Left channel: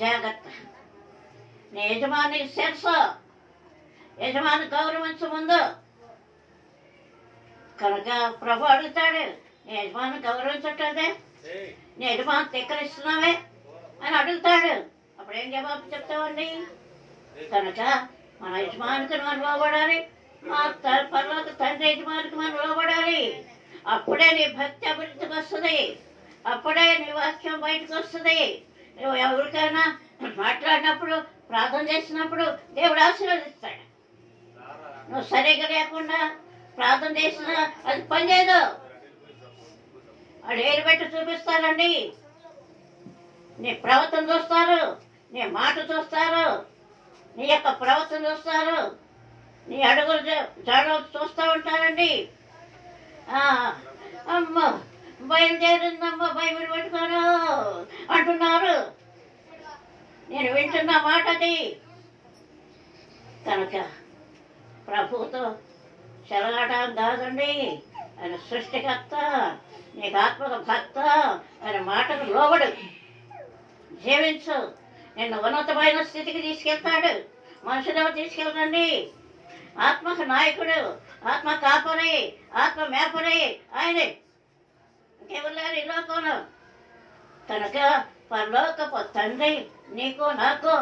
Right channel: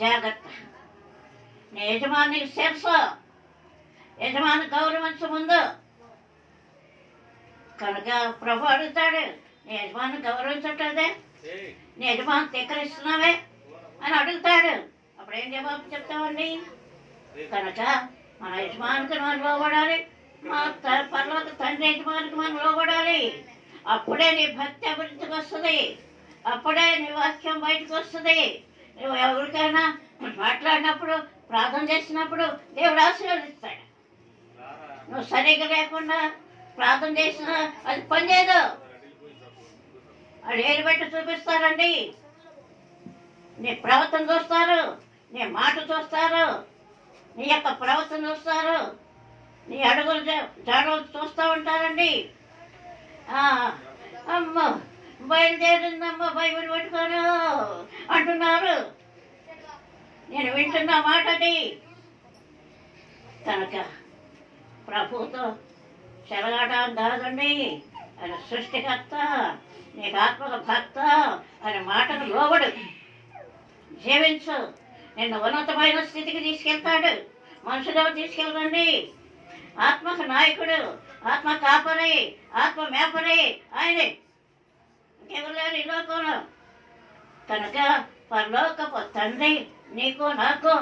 జాగ్రత్త. నీ యజమానికి శిరస్సు, యజమాని గౌరవించు ముందు. కనుక ప్రభు అడుగుతాడు, నీ యజమాని గౌరవించట్లేదే, నీ యజమాని తిక్కరిస్తున్నావే అని అడుగుతాడు. అప్పుడు ఏం జవాబు చెప్తామండి? కనుక మన యజమానికి మనం లోబడాలి, మా పరలోక తండ్రి యజమానికి మనం లోబడాలి. అప్పుడే నీ భక్తి అభివృద్ధికి వస్తుంది, అప్పుడే నీ వాక్యం బయటకు వస్తుంది. నువ్వు ఎవరికైనా మాట్లాడినప్పుడు, ప్రార్థన చేసినప్పుడు దేవుడు ఆశీర్వదిస్తాడు. నువ్వు సరిగ్గా లేకుండా ప్రార్థన చేసినా అది పనిచేయదు. వాళ్ళు ఏలు పెట్టి చూపిస్తారండి. నీ ప్రవర్తన చూస్తారు, నీ మాట చూస్తారు, నీ యొక్క ప్రవర్తన చూస్తారు, నీ అడుగులు జాడలు చూస్తూ ఉంటారండి. అమ్మ బయలుదేరిందమ్మ బైబిల్ పెట్టుకోను అంటున్నారు. నేను వింటున్న మాట అది. కనుక ప్రభుతో చెలగాటం కాదండి. ఆయన సృష్టికర్త, నీకు ఆత్మక భక్త, ఆయన మాటకు లోబడు, జీవించు. నిన్ను ఉన్నతమైన స్థితికి తీసుకెళ్తాడు. మనుషులు తీసుకెళ్ళండి. ఆత్మకు నాయకుడు, ఆత్మ కాపరి, ఆత్మ మేపరి ఆయనే, ఇంకెవరు లేరు ఈ లోకంలో. కనుక పరలోకపు తండ్రి నీకు నాకు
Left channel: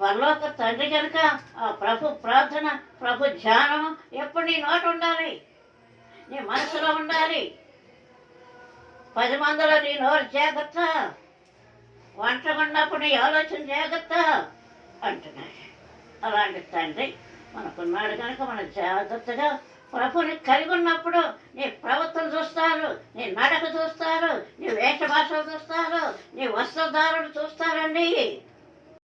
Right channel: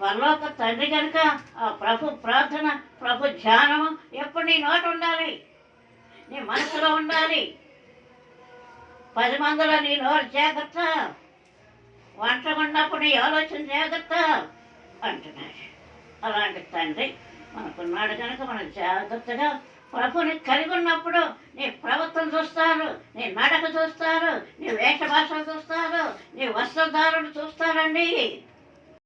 పరలోక తండ్రి కనుక ఆ ప్రభు ప్రార్థన, ప్రభు ధ్యానము ఎప్పుడు నీ నోట ఉండాలి, నీ మనసులో ఉండాలి. 10 మందిలో నీ నోరు జాగ్రత్త, ఒంటరిగా ఉన్నప్పుడు నీ ఆలోచన జాగ్రత్త అంటున్నాడు. అలాంటి తండ్రి మనకున్నాడు కనుక మనం జాగ్రత్తగా ప్రభుని కలిగి ఉన్నప్పుడు నీ ప్రవర్తన చూస్తారు, నీ నడక చూస్తారు, నీ వేషభాషలు చూస్తారు, నీ వస్త్రధారణ చూస్తారండి.